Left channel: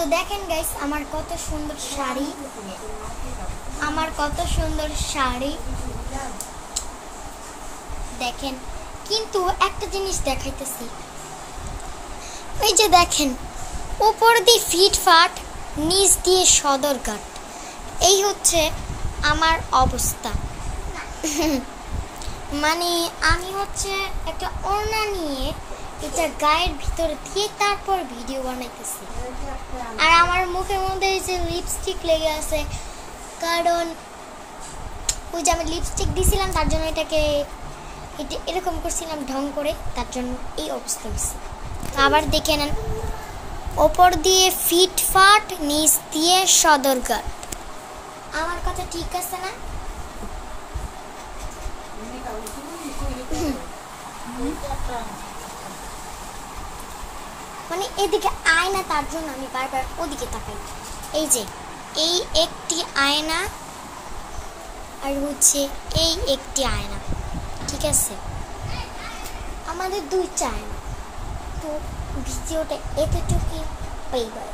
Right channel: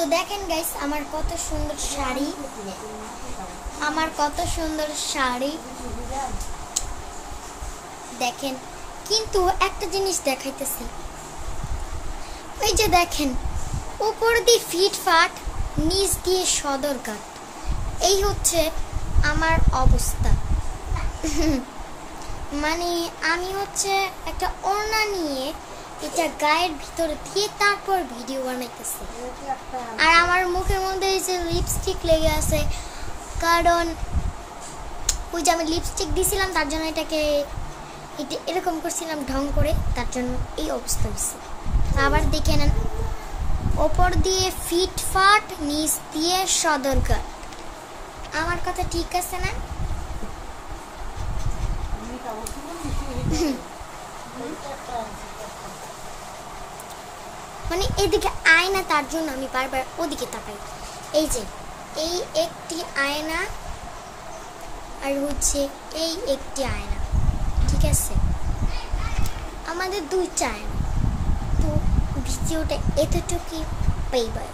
তো দেখেন গাইস আমার কত সুন্দর শাড়ি দেখেন। কিন্তু একটা জিনিস দেখাইতেছি, ওই যে দেখেন উপর দিয়ে ফিটফাট, নিচ দিয়ে সদরঘাট, এই হচ্ছে আমার অবস্থা। মানে আমি হচ্ছে একটা ওড়না নিয়ে এটা গায়ের ভিতরে দিয়ে তারপর ভিডিও বানাইতেছি, আর আমার মুখের মধ্যে যে লিপস্টিক লেগে আছে, কারণ ওই যে আমি লিপস্টিক দিছিলাম তার জন্য এটাকে এরকম করছিলাম ঢং করে, তার জন্য এই অবস্থা হয়েছে। আবার দেখে নেন, ওপর দিয়ে ফিটফাট, নিচ দিয়ে সদরঘাট। আমার কথা ঠিক আছে না? মানে এদিকে আয়না, তার জন্য আমি বারবার ওদিকে তাকাই। এই যে এই একটি আয়না আর হচ্ছে এই একটি আয়না, ঠিক আছে? আমাদের দুইটা আয়না। তো ভিডিওটা এতটুকুই, বাই বাই।